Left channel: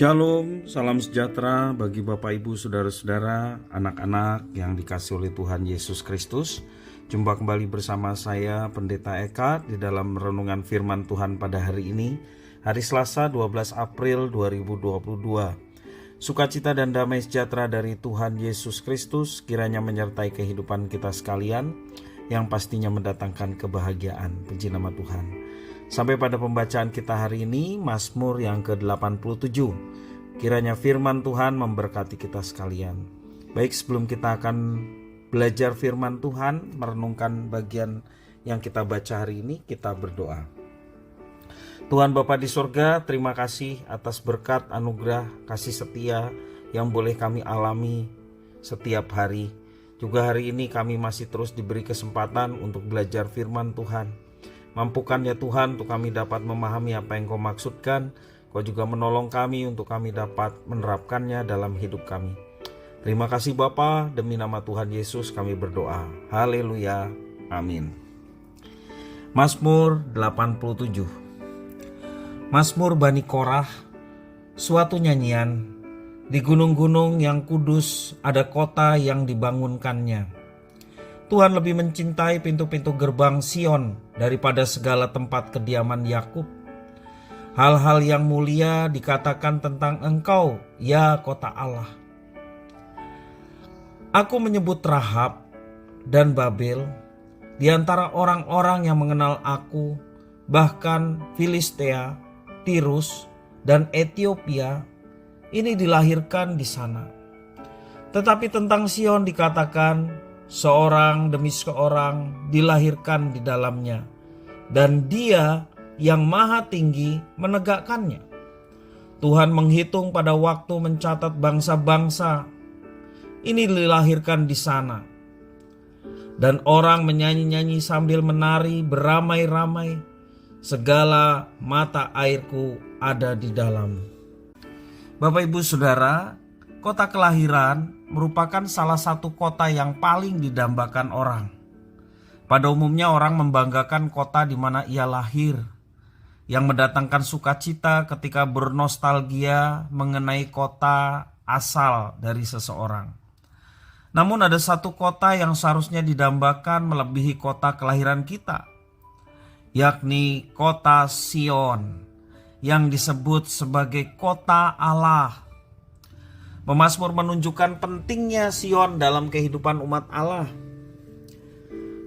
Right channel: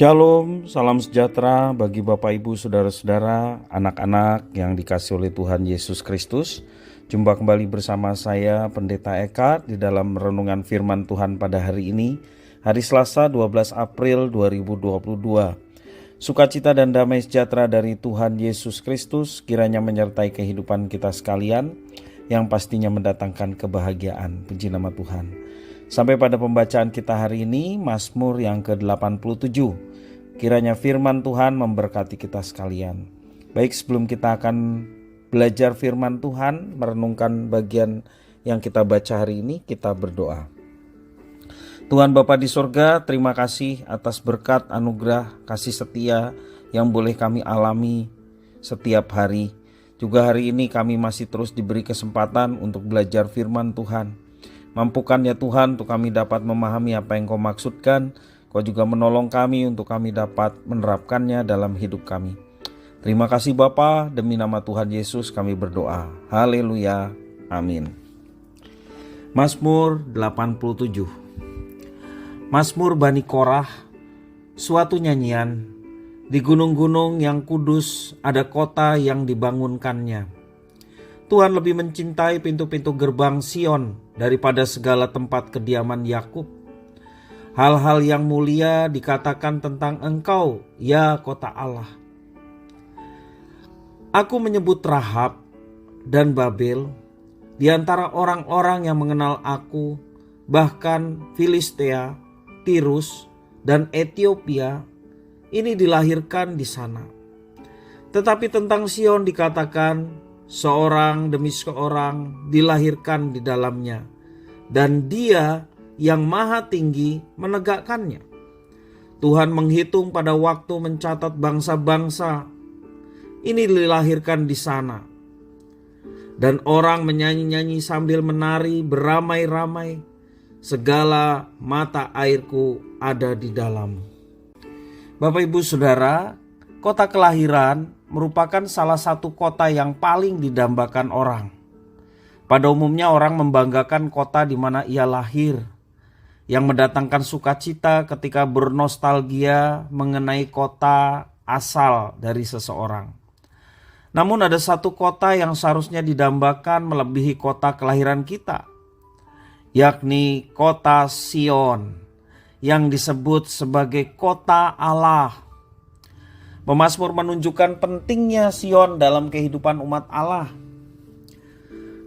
Shalom, salam sejahtera bagi Bapak Ibu Saudara-saudara, anak-anak yang dikasihi oleh Tuhan Yesus Kristus. Jumpa kembali bersama saya Pendeta Eka di dalam renungan firman Tuhan pada hari ini, hari Selasa 12 April 2022. Sukacita dan damai sejahtera dari Tuhan Yesus Kristus kiranya menyertai kehidupan kita sekalian, yang pastinya mendatangkan kebahagiaan. Puji nama Tuhan. Sampai pada pembacaan kita hari ini, Mazmur yang ke-87. Kiranya firman Tuhan memberkati kita sekalian. Baik, sebelum kita akan belajar firman Tuhan, merenungkan bagian yang kita baca hari ini, kita berdoa. Tuhan Bapa di surga, terima kasih atas berkat, anugerah, kasih setia yang boleh kami alami setiap hari. Juga hari ini kami masih terus diberi kesempatan untuk belajar firman Tuhan. Mampukan ya Tuhan untuk kami dapat memahami apa yang Kau maksudkan. Kau juga menolong kami untuk kami dapat menerapkannya dalam hidup kami. Terima kasih Bapa, demi nama Tuhan Yesus kami berdoa. Haleluya, amin. Mazmur 87. Mazmur Bani Korah, suatu nyanyian. Di gunung-gunung yang kudus ada kota yang dibangunkannya. Tuhan lebih mencintai pintu-pintu gerbang Sion daripada segala tempat kediaman Yakub. Hal-hal yang mulia dikatakan tentang Engkau, ya kota Allah. Aku menyebut Rahab dan Babel di antara orang-orang yang mengenal aku, bahkan Filistea, Tirus, dan Ethiopia ini dilahirkan di sana. Tetapi tentang Sion dikatakan, seorang demi seorang dilahirkan di dalamnya, dan Dia yang Maha Tinggi menegakkannya. Tuhan menghitung pada waktu mencatat bangsa-bangsa ini dilahirkan di sana. Dan orang menyanyi-nyanyi sambil menari beramai-ramai, segala mata airku ada di dalam. Bapak Ibu Saudara, kota kelahiran merupakan salah satu kota yang paling didambakan orang. Pada umumnya orang membanggakan kota di mana ia lahir, yang mendatangkan sukacita ketika bernostalgia mengenai kota asal dari seseorang. Namun ada satu kota yang seharusnya didambakan melebihi kota kelahiran kita, yakni kota Sion, yang disebut sebagai kota Allah. Pemazmur menunjukkan pentingnya Sion dalam kehidupan umat Allah.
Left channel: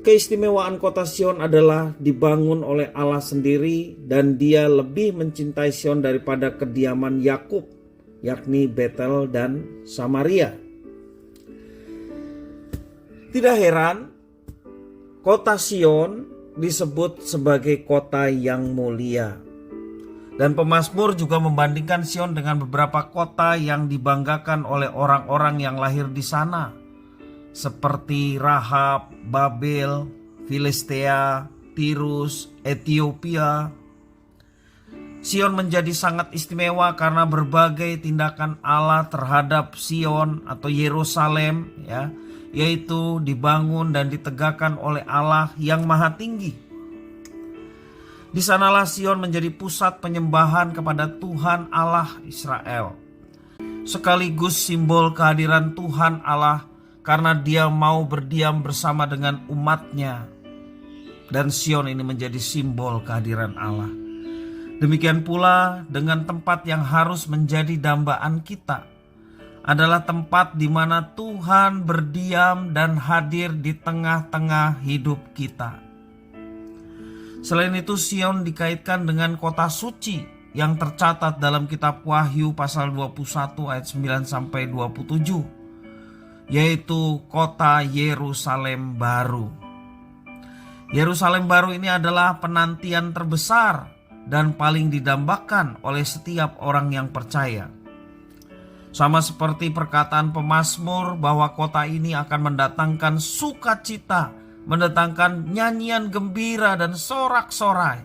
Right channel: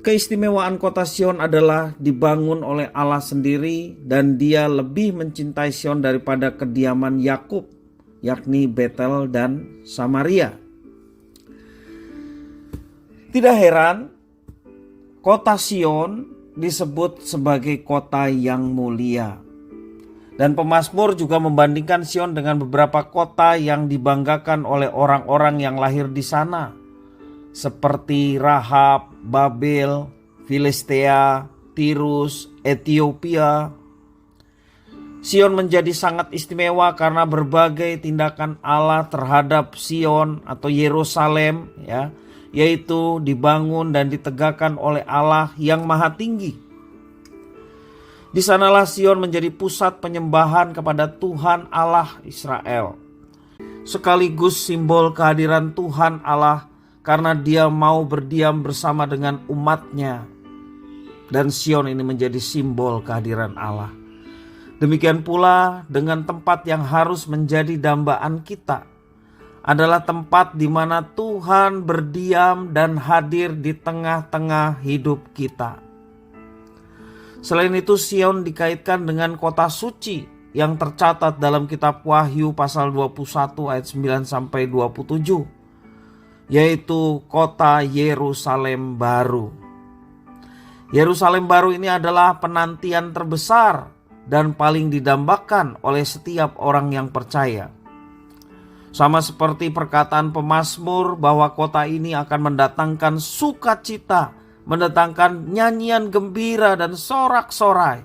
Keistimewaan kota Sion adalah dibangun oleh Allah sendiri, dan Dia lebih mencintai Sion daripada kediaman Yakub, yakni Betel dan Samaria. Tidak heran kota Sion disebut sebagai kota yang mulia. Dan pemazmur juga membandingkan Sion dengan beberapa kota yang dibanggakan oleh orang-orang yang lahir di sana, seperti Rahab, Babel, Filistea, Tirus, Ethiopia. Sion menjadi sangat istimewa karena berbagai tindakan Allah terhadap Sion atau Yerusalem, yaitu dibangun dan ditegakkan oleh Allah yang Maha Tinggi. Di sanalah Sion menjadi pusat penyembahan kepada Tuhan Allah Israel, sekaligus simbol kehadiran Tuhan Allah karena Dia mau berdiam bersama dengan umatnya. Dan Sion ini menjadi simbol kehadiran Allah. Demikian pula dengan tempat yang harus menjadi dambaan kita, adalah tempat di mana Tuhan berdiam dan hadir di tengah-tengah hidup kita. Selain itu, Sion dikaitkan dengan kota suci yang tercatat dalam kitab Wahyu pasal 21 ayat 9 sampai 27, yaitu kota Yerusalem baru. Yerusalem baru ini adalah penantian terbesar dan paling didambakan oleh setiap orang yang percaya. Sama seperti perkataan pemazmur bahwa kota ini akan mendatangkan sukacita, mendatangkan nyanyian gembira dan sorak-sorai.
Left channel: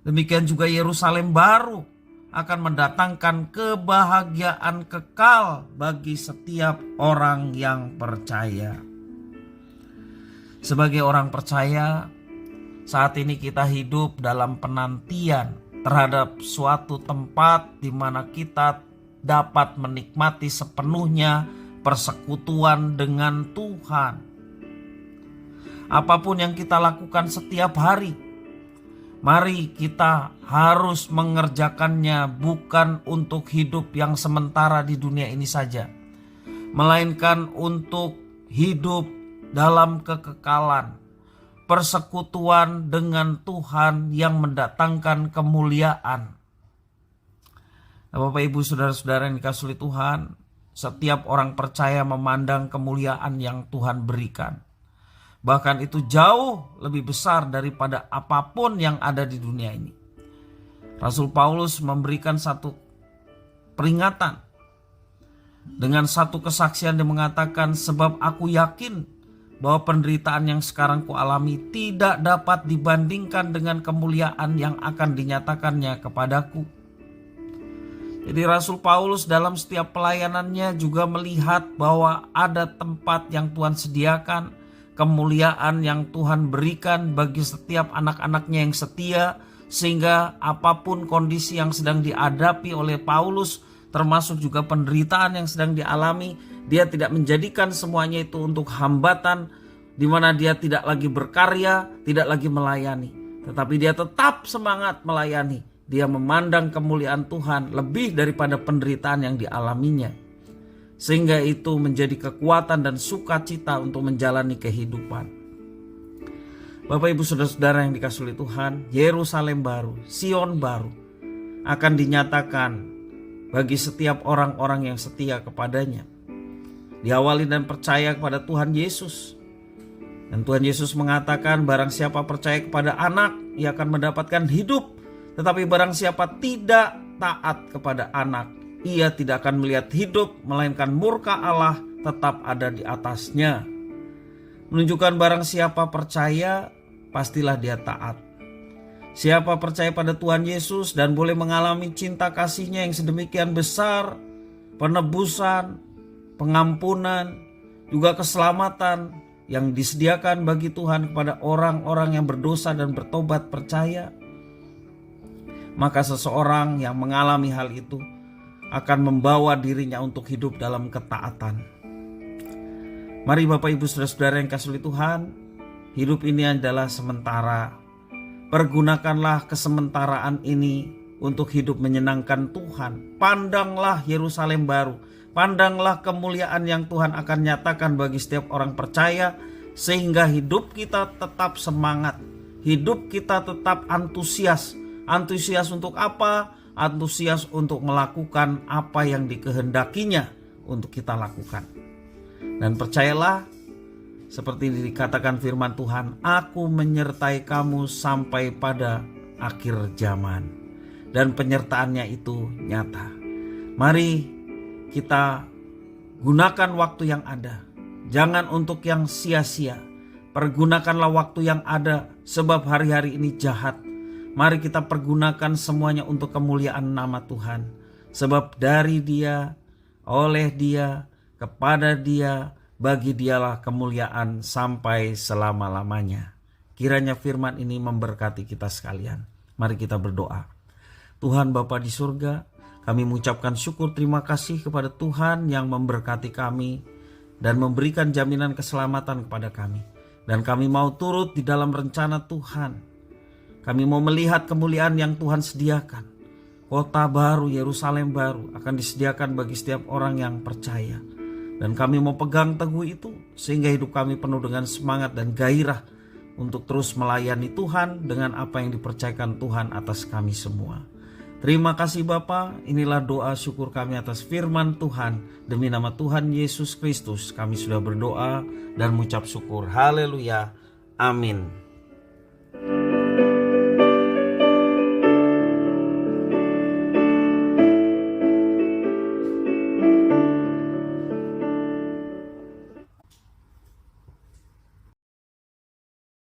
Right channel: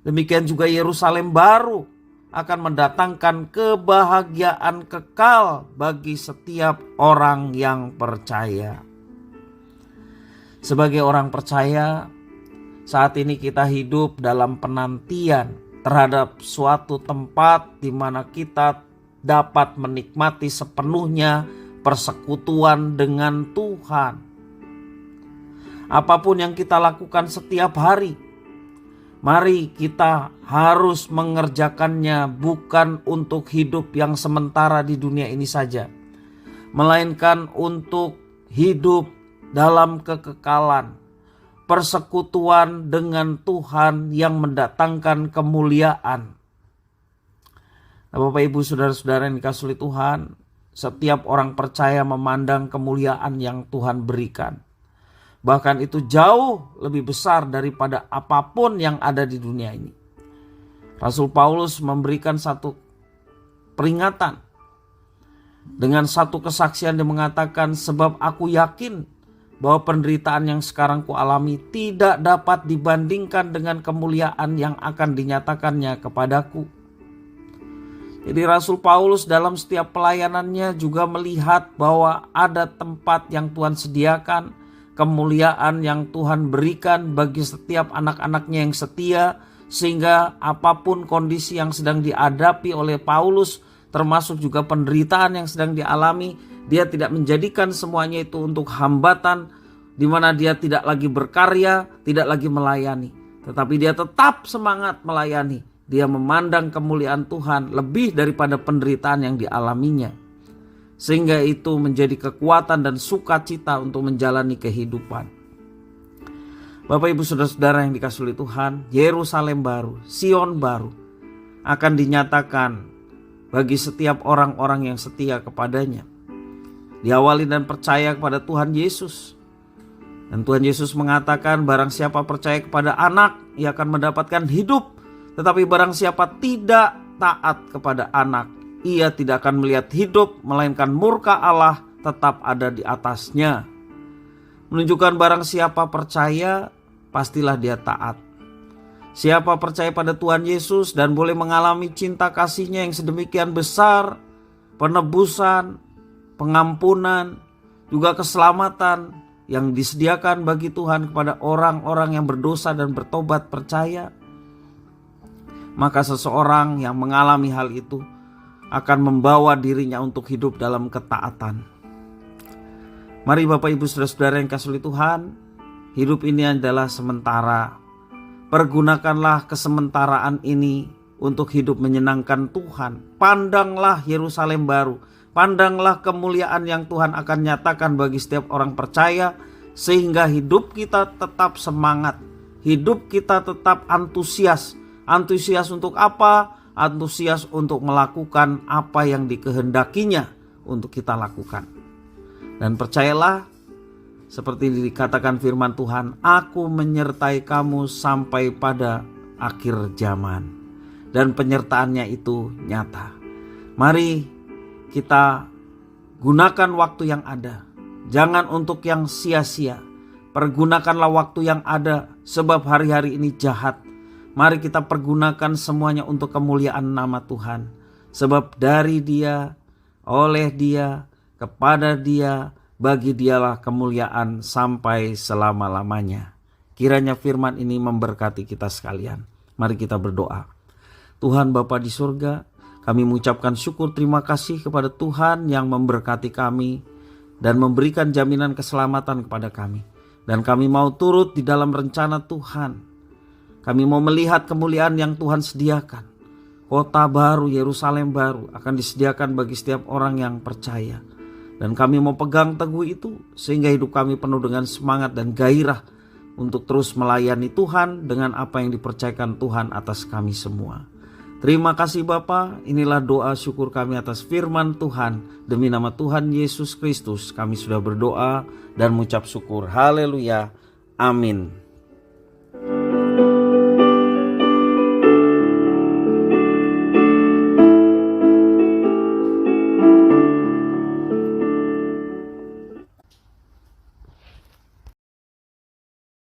Demikian juga Yerusalem baru akan mendatangkan kebahagiaan kekal bagi setiap orang yang percaya. Sebagai orang percaya, saat ini kita hidup dalam penantian terhadap suatu tempat di mana kita dapat menikmati sepenuhnya persekutuan dengan Tuhan. Apapun yang kita lakukan setiap hari, mari kita harus mengerjakannya bukan untuk hidup yang sementara di dunia ini saja, melainkan untuk hidup dalam kekekalan, persekutuan dengan Tuhan yang mendatangkan kemuliaan. Nah, Bapak Ibu saudara-saudara yang dikasihi Tuhan, setiap orang percaya memandang kemuliaan yang Tuhan berikan. Bahkan itu jauh lebih besar daripada apapun yang ada di dunia ini. Rasul Paulus memberikan satu peringatan dengan satu kesaksian. Dia mengatakan, sebab aku yakin bahwa penderitaan yang sekarang kualami tidak dapat dibandingkan dengan kemuliaan yang akan dinyatakannya kepadaku. Jadi Rasul Paulus dalam setiap pelayanannya juga melihat bahwa ada tempat yang Tuhan sediakan, kemuliaan yang Tuhan berikan bagi setiap anak-anaknya yang setia, sehingga apapun kondisi yang sedang dihadapi oleh Paulus, termasuk juga penderitaan yang sedang dialami, dia tidak menjadikan semuanya itu untuk hambatan, di mana dia tidak lagi berkarya, tidak lagi melayani, tetapi dia tetap semangat melayani. Dia memandang kemuliaan Tuhan lebih daripada penderitaan yang dialaminya, sehingga itu menjadi kekuatan dan sukacita untuk menjalani kehidupan. Bapak Ibu saudara-saudara yang dikasihi Tuhan, Yerusalem baru, Sion baru akan dinyatakan bagi setiap orang-orang yang setia kepadanya. Diawali dan percaya kepada Tuhan Yesus. Dan Tuhan Yesus mengatakan, barang siapa percaya kepada anak, ia akan mendapatkan hidup. Tetapi barang siapa tidak taat kepada anak, ia tidak akan melihat hidup, melainkan murka Allah tetap ada di atasnya. Menunjukkan barang siapa percaya, pastilah dia taat. Siapa percaya pada Tuhan Yesus dan boleh mengalami cinta kasih-Nya yang sedemikian besar, penebusan, pengampunan, juga keselamatan yang disediakan bagi Tuhan kepada orang-orang yang berdosa dan bertobat percaya, maka seseorang yang mengalami hal itu akan membawa dirinya untuk hidup dalam ketaatan. Mari Bapak Ibu saudara-saudara yang kasih Tuhan, hidup ini adalah sementara. Pergunakanlah kesementaraan ini untuk hidup menyenangkan Tuhan. Pandanglah Yerusalem baru, pandanglah kemuliaan yang Tuhan akan nyatakan bagi setiap orang percaya, sehingga hidup kita tetap semangat, hidup kita tetap antusias. Antusias untuk apa? Antusias untuk melakukan apa yang dikehendakinya untuk kita lakukan. Dan percayalah, seperti dikatakan firman Tuhan, aku menyertai kamu sampai pada akhir zaman. Dan penyertaannya itu nyata. Mari kita gunakan waktu yang ada. Jangan untuk yang sia-sia. Pergunakanlah waktu yang ada, sebab hari-hari ini jahat. Mari kita pergunakan semuanya untuk kemuliaan nama Tuhan. Sebab dari Dia, oleh Dia, kepada Dia, bagi Dialah kemuliaan sampai selama-lamanya. Kiranya firman ini memberkati kita sekalian. Mari kita berdoa. Tuhan Bapa di surga, kami mengucapkan syukur terima kasih kepada Tuhan yang memberkati kami dan memberikan jaminan keselamatan kepada kami. Dan kami mau turut di dalam rencana Tuhan. Kami mau melihat kemuliaan yang Tuhan sediakan. Kota baru, Yerusalem baru akan disediakan bagi setiap orang yang percaya. Dan kami mau pegang teguh itu sehingga hidup kami penuh dengan semangat dan gairah untuk terus melayani Tuhan dengan apa yang dipercayakan Tuhan atas kami semua. Terima kasih Bapa, inilah doa syukur kami atas firman Tuhan. Demi nama Tuhan Yesus Kristus kami sudah berdoa dan mengucap syukur. Haleluya. Amin.